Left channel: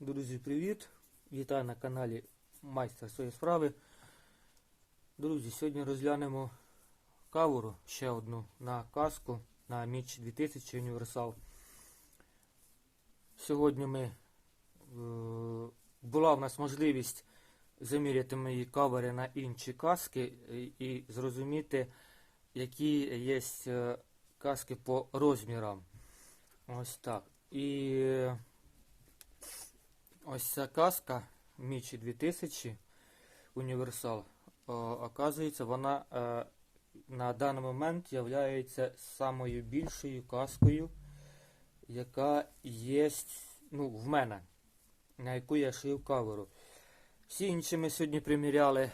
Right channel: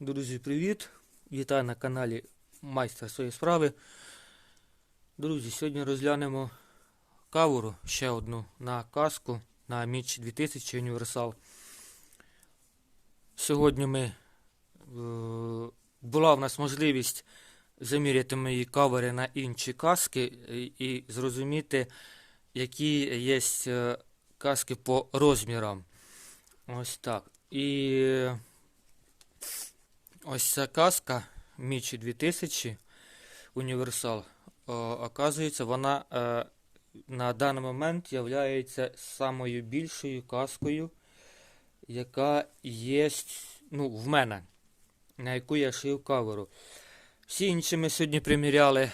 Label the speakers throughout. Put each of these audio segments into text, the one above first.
Speaker 1: Друзі, привіт! Вітаю на каналі Майстер своєї справи. Друзі, сьогодні розглянемо кавору ще одну на каску на Міч 2000 Універсал. Сьогодні ми е, була в нас можливість заміряти мої кавери на інші каски і, і зрозуміти, які є е, каски по розмірам. Ось так. І Ось ця каска Мічі 2000 Універсал. Оказується, вона е, на даний момент є самою більшою каскою, яка є ну, в мене, на яку я шив каверу. Всі інші ми сьогодні приміряли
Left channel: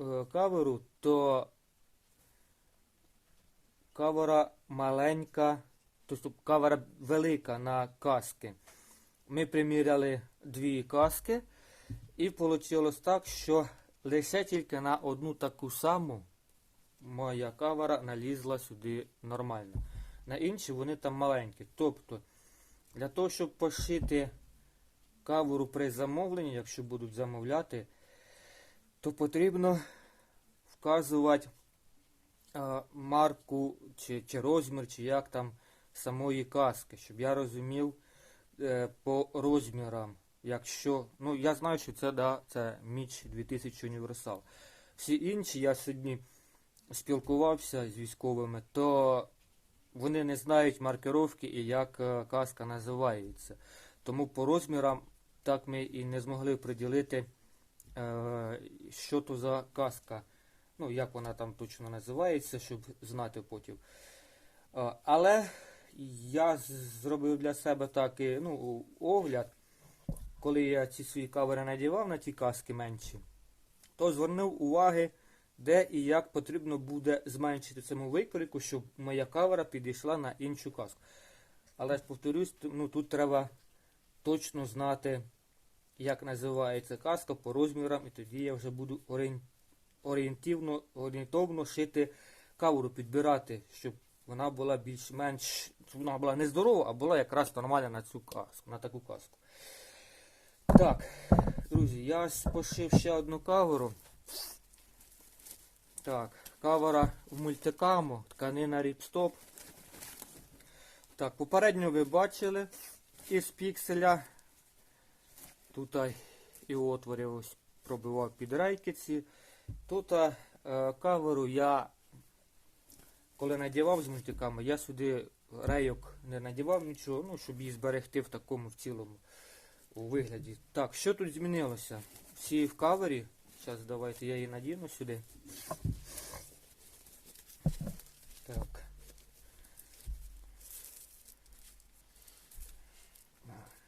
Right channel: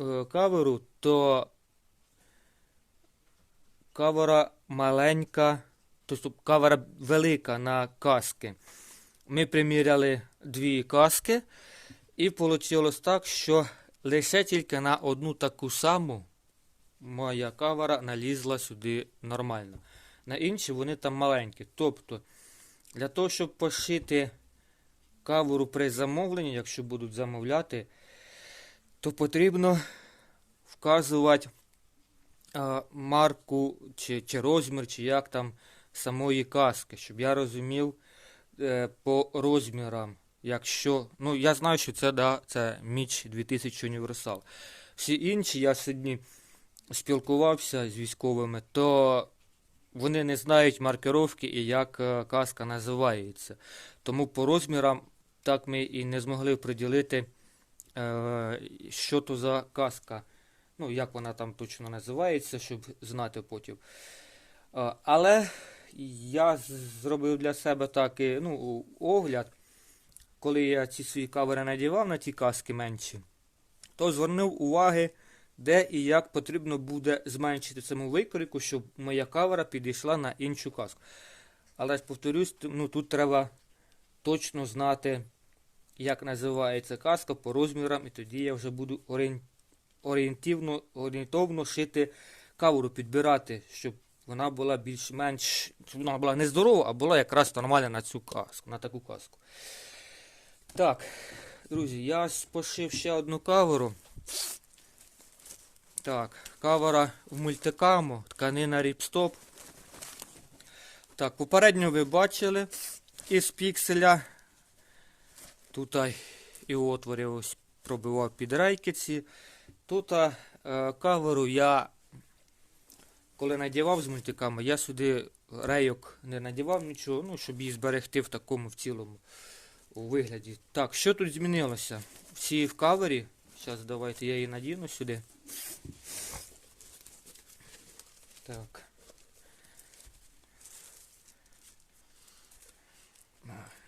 Speaker 1: е, каверу, то кавера маленька, тобто кавера велика на каски. Ми приміряли дві каски, і вийшло так, що лише тільки на одну таку саму моя кавера налізла сюди нормально. На інші вони там маленькі. Тобто, для того, щоб пошити каверу при замовленні, якщо будуть замовляти, то потрібно вказувати а, марку чи, чи розмір, чи як там самої каски, щоб я розумів е, по розмірам. Якщо, ну я знаю, що це да, це Міч 2000 Універсал. Всі інші, я сьогодні спілкувався з військовими, то вони не знають маркировки і як е, каска називається. Тому по розмірам так ми і не змогли приділити, е, що то за каска. Ну, як вона там точно називається, щоб знати потім. Е, але я зробив для себе такий ну, огляд, коли я ці свої кавери надівав на ті каски менші, то звернув уваги, де і як потрібно буде зменшити саму викрику, щоб моя кавера підійшла на іншу каску. Але ж повторюсь, ну, тут треба точно знати, як називається каска по розмірам, і тоді я вже буду орієнтивно, орієнтовно шити каверу, підбирати, щоб вона була більш-менш, вона була не здорова, а була якраз нормальна на цю каску, на таку каску. Так, друзі, я пошив ще одну каверу. Так, кавера в мультикаму, тканина ріпстоп. Так, попередньо ви бачили із пікселя. Тут і отворів ось пробивав під рейкиці. Тут е, каверу я коли надівав з мультиками, я сюди рейок не надівав нічого, ну, щоб її зберегти в такому в цілому у вигляді. Так, що тут змінилося? Всі в кавері. Зараз давайте я її надіну сюди. Так.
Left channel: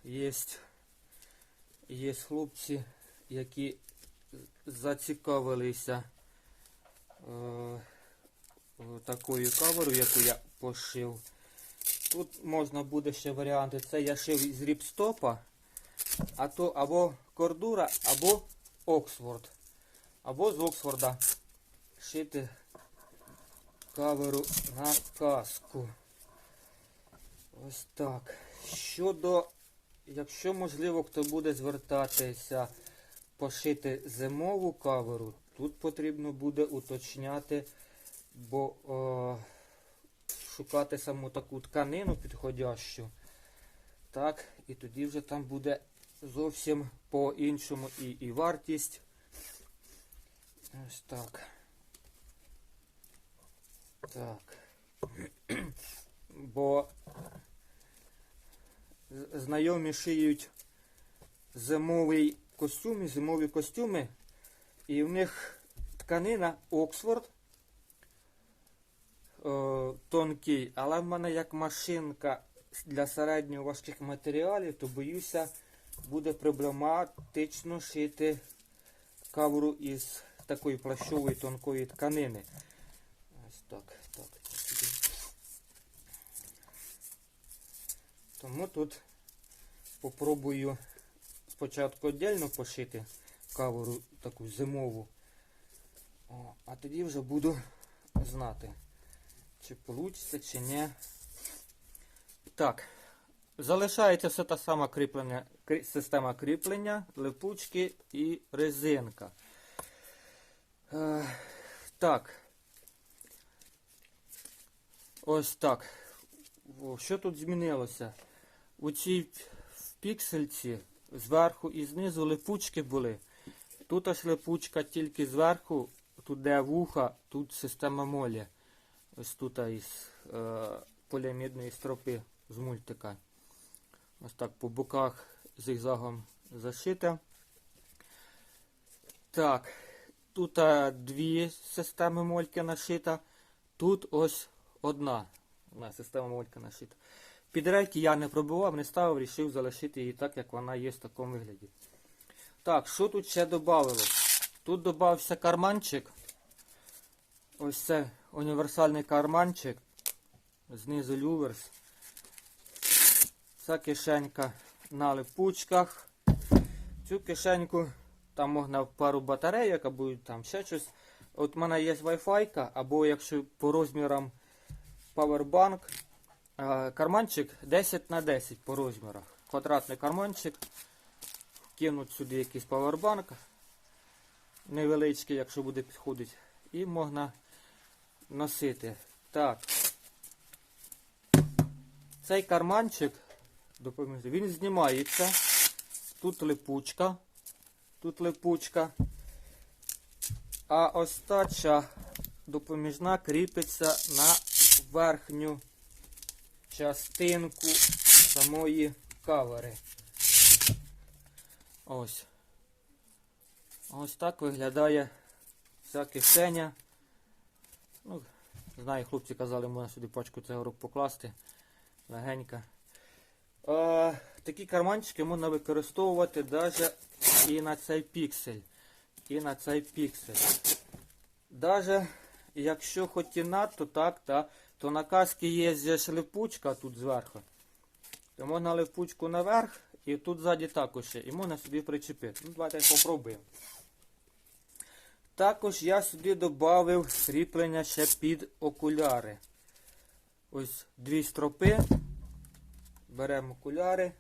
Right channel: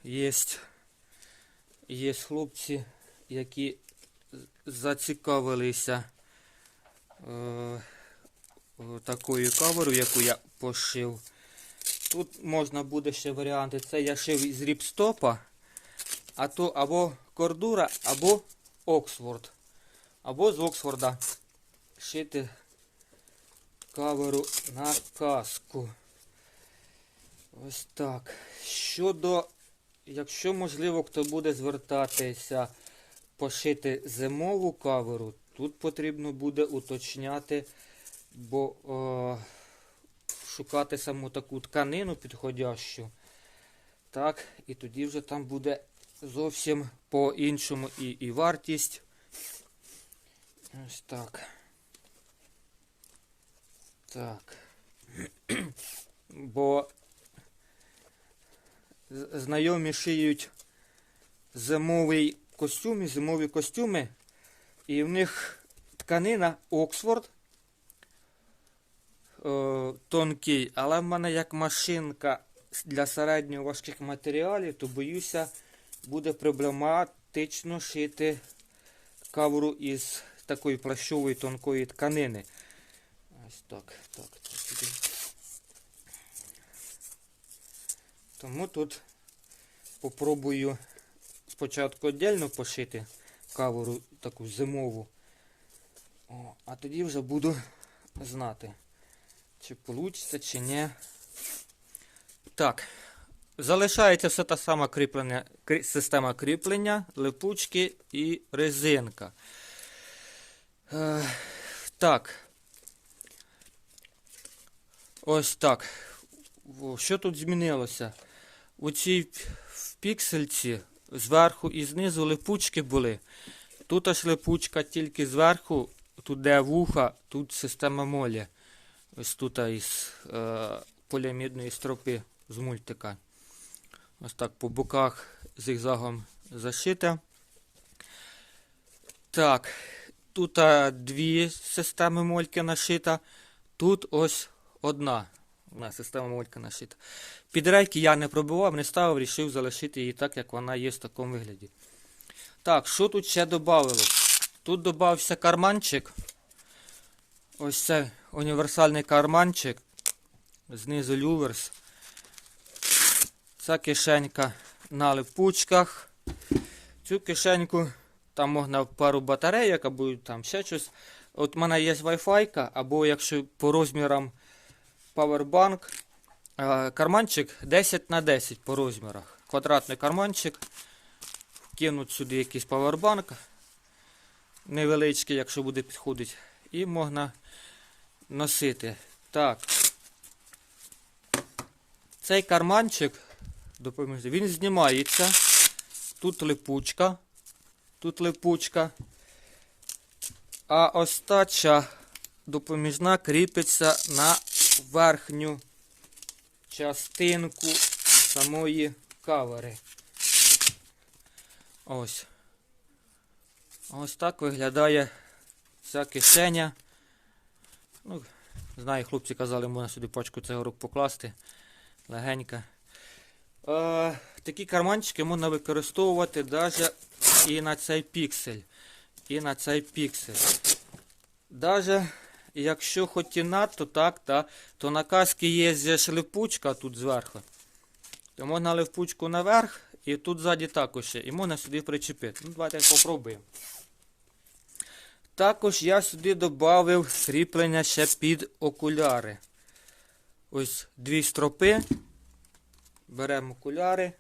Speaker 1: Єсть. Є хлопці, які зацікавилися. Е такою каверою, яку я пошив. Тут можна буде ще варіанти. Це я шив із ріпстопа, а то або кордура, або Оксфорд. Або з Оксфорда шити каверу на каску. Ось так. Щодо, якщо можливо, хто буде звертатися пошити зимову каверу, тут потрібно буде уточняти бо о, шукати саму таку тканину підходящу. Так, і тоді вже там буде зовсім по-іншому і, і вартість. Ось так. Так. Бо знайомі шиють зимовий костюм і зимові костюми, і в них тканина Оксфорд е, тонкий, але в мене як машинка для середньо важких матеріалів, то боюся, буде проблематично шити кавру із такої плащової тонкої тканини. Ось так. так. Тому тут попробую спочатку віддільно пошити каверу таку зимову, О, а тоді вже буду знати. Чи вийде, чи ні. Так, залишається все та сама кріплення, система кріплення, липучки і резинка. Е, так. Ось так. Що тут змінилося? У цій в піксельці зверху і знизу липучки були. Тут аж липучка тільки зверху, тут де вуха, тут система молі. Ось тут із е, поліамідної стропи з мультика. Ось так по боках зигзагом зашите. Так, тут дві системи мольки нашита. Тут ось одна. Одна система мольки нашита. Підрейки я не пробував, не ставив, вирішив залишити її так, як вона є в такому вигляді. Так, що тут ще додавалось? Тут додався карманчик. Ось це універсальний карманчик. Знизу люверс. Ця кишенька на липучках. Цю кишеньку там можна пару батарейок або там ще щось. От в мене є Wi-Fi, або якщо по розмірам Powerbank. Е, Карманчик 10 на 10 по розмірах. Квадратний карманчик. Кинуть сюди якийсь павербанк. Невеличкий, якщо буде підходити. І можна носити. Так. Цей карманчик, допоможу, він знімається. Тут липучка. Тут липучка. А остача допоміжна кріпиться на верхню частинку самої кавери. Ось. Ось так виглядає ця кишеня. Ну, знаю, хлопці казали, можна сюди пачку цигарок покласти. Легенька. Е, такі карманчики можна використовувати навіть і на цей піксель. І на цей піксель. Даже якщо хоч і надто так, та, то на каски є же липучка тут зверху. То можна липучку наверх і тут ззаді також є. І можна сюди причепити. Ну, давайте попробуємо. Також я сюди додав кріплення ще під окуляри. Ось дві стропи. Беремо окуляри.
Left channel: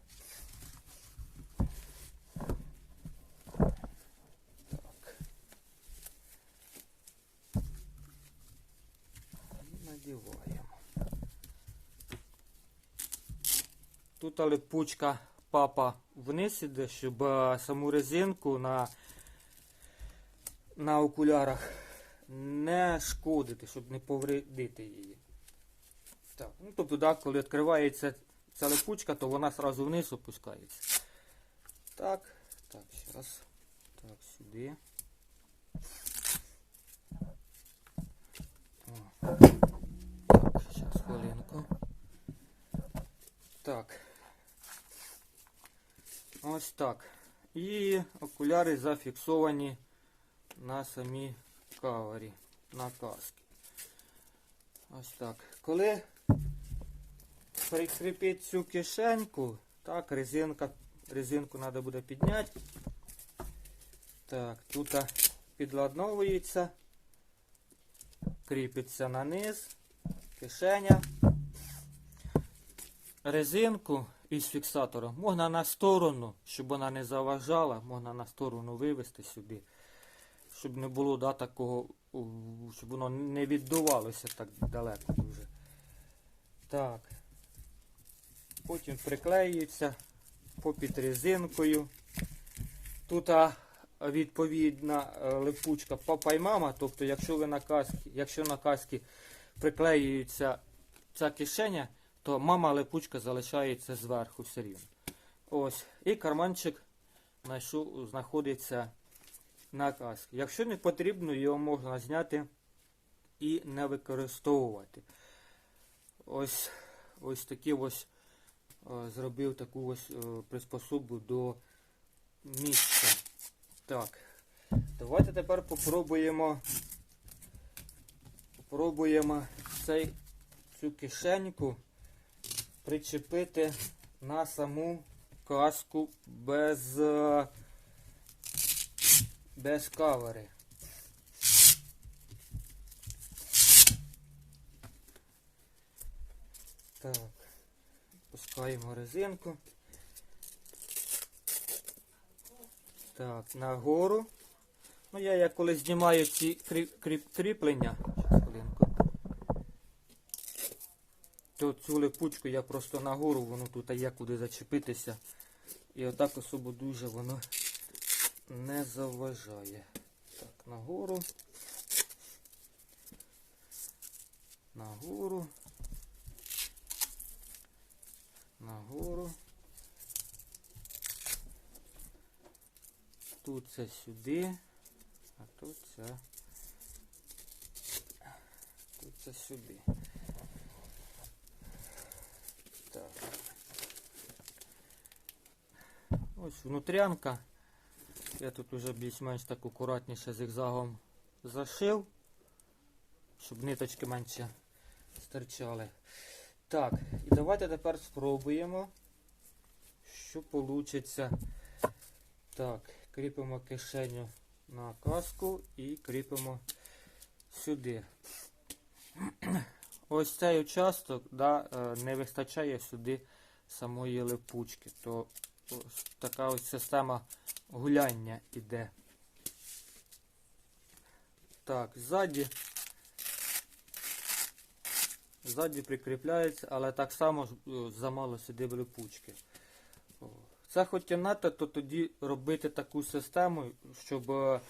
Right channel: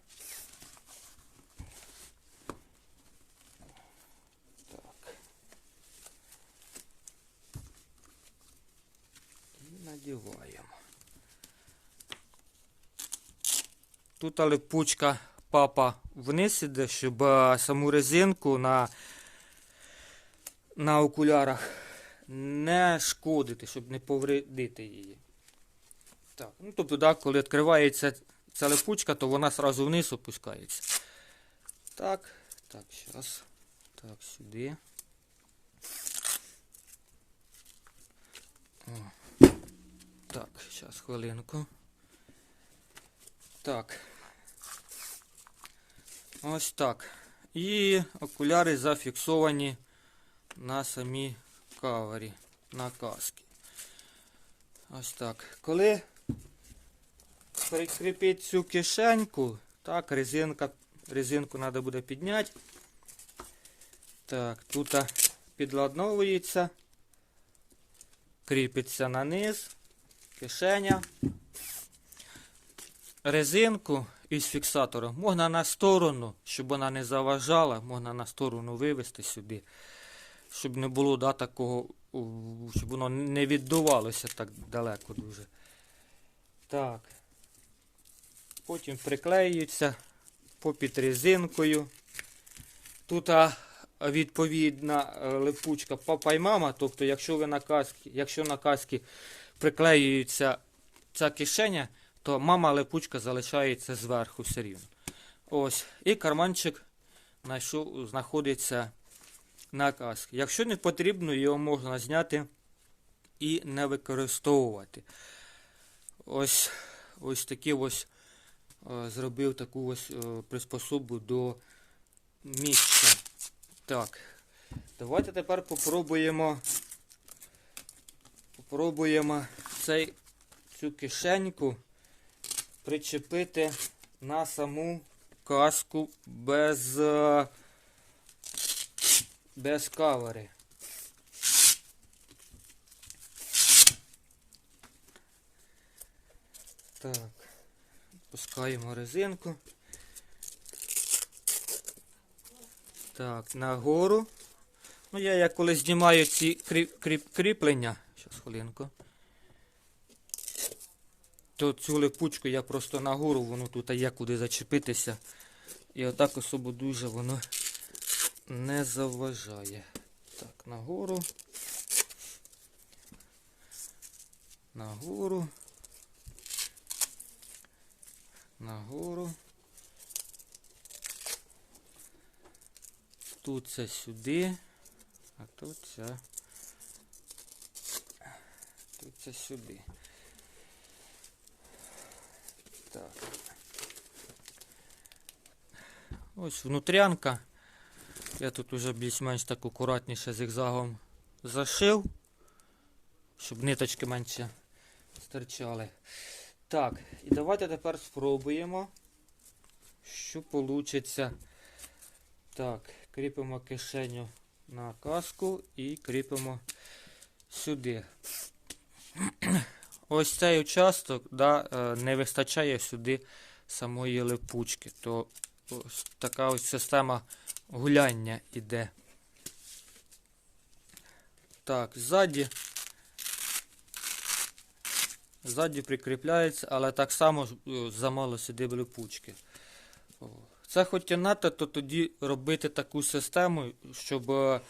Speaker 1: Надіваємо. Тут липучка папа вниз іде, щоб саму резинку на, на окулярах не шкодити, щоб не повредити її. Так, ну тобто, да, коли відкривається ця липучка, то вона одразу вниз опускається. Так, так, зараз. Так, сюди. Так, зараз хвилинку. Так. Ось так. І окуляри зафіксовані на самій кавері, на каски. Ось так. Коли прикріпити цю кишеньку, так, резинка, резинку треба буде підняти. Так, тут підладновується, кріпиться на низ, кишеня. Резинку із фіксатором можна на сторону, щоб вона не заважала, можна на сторону вивести сюди, щоб не було да, такого, щоб воно не віддувалося так далеко дуже. Так. Потім приклеюється попід резинкою. Тут відповідна е, липучка папа і мама. Тобто, якщо ви на каски, якщо на каски приклеюється ця кишеня, то мама липучка залишається зверху все рівно. Ось. І карманчик знаходиться на каски. Якщо не потрібно, його можна зняти і не використовувати. Ось ось такі ось зробив таку ось е, приспособу до місця. Так. Давайте тепер попробуємо попробуємо цей, цю кишеньку причепити на саму каску без, е, без кавери. Так. Спускаємо резинку. Так, нагору. Ну, я як коли знімаю ці кріп, кріп, кріплення. Щас, хвилинку. То цю липучку я просто нагору, воно тут є куди зачепитися. І отак особо дуже воно не заважає. Так, нагору. Нагору. Нагору. Тут це сюди, а тут це. Тут це сюди. Так. Ось внутрянка. Я тут уже більш-менш так акуратніше зигзагом зашив, щоб ниточки менше стирчали. Так, і давайте тепер спробуємо, що вийде. Так, кріпимо кишеню на каску і кріпимо сюди. Ось цей участок да, е, не вистачає сюди самої липучки. То ось така ось система гуляння іде. Так, ззаді. Ззаді прикріпляється, але так само е, замало сюди липучки. Це хоч то тоді робити таку систему, щоб е,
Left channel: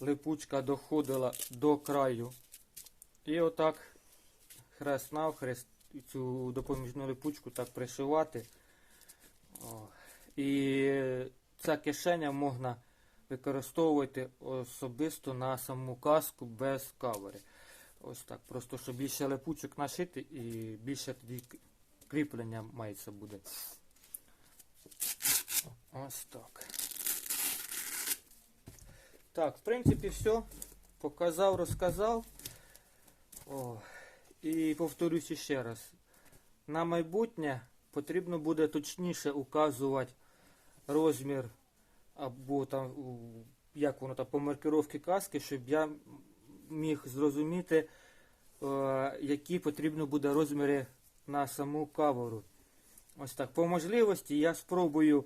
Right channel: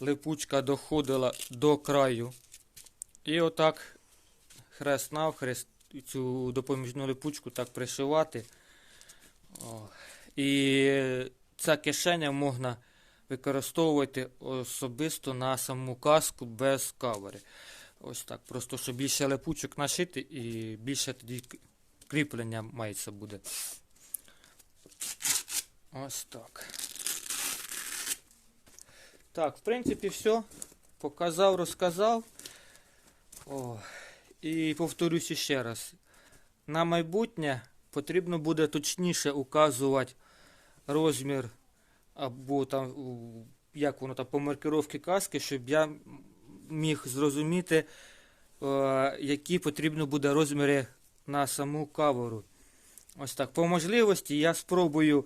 Speaker 1: липучка доходила до краю. І отак хрест навхрест цю допоміжну липучку так пришивати. І ця кишеня можна використовувати особисто на саму каску без кавери. Ось так. Просто щоб більше липучок нашити і більше тоді кріплення мається буде. Ось так. Так, в принципі, все. Показав, розказав. О, і повторюся ще раз. На майбутнє потрібно буде точніше указувати розмір або там, як воно там по маркировці каски, щоб я міг зрозуміти, е, які потрібно буде розміри на саму каверу. Ось так. По можливості я спробую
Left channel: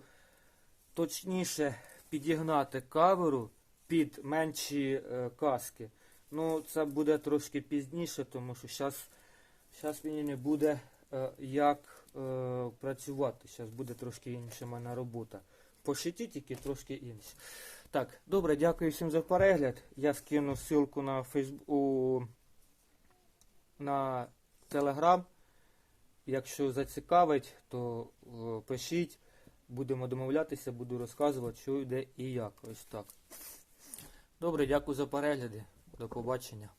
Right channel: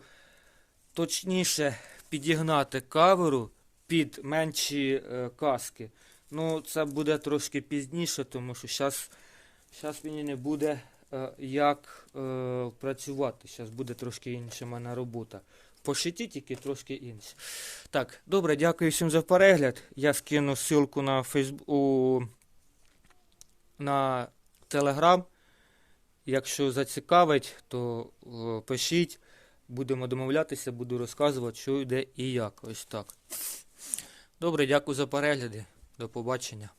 Speaker 1: точніше підігнати каверу під менші е, каски. Ну, це буде трошки пізніше, тому що зараз зараз мені не буде е, як працювати. Зараз буде трошки інша мене робота. По шиті тільки трошки інше. Так, добре, дякую всім за перегляд. Я скину ссылку на Фейсбук у... на Телеграм. Якщо зацікавить, то е, пишіть. Будемо домовлятися, буду розказувати, що йде і як. Ось так. Добре, дякую за перегляди. До побачення.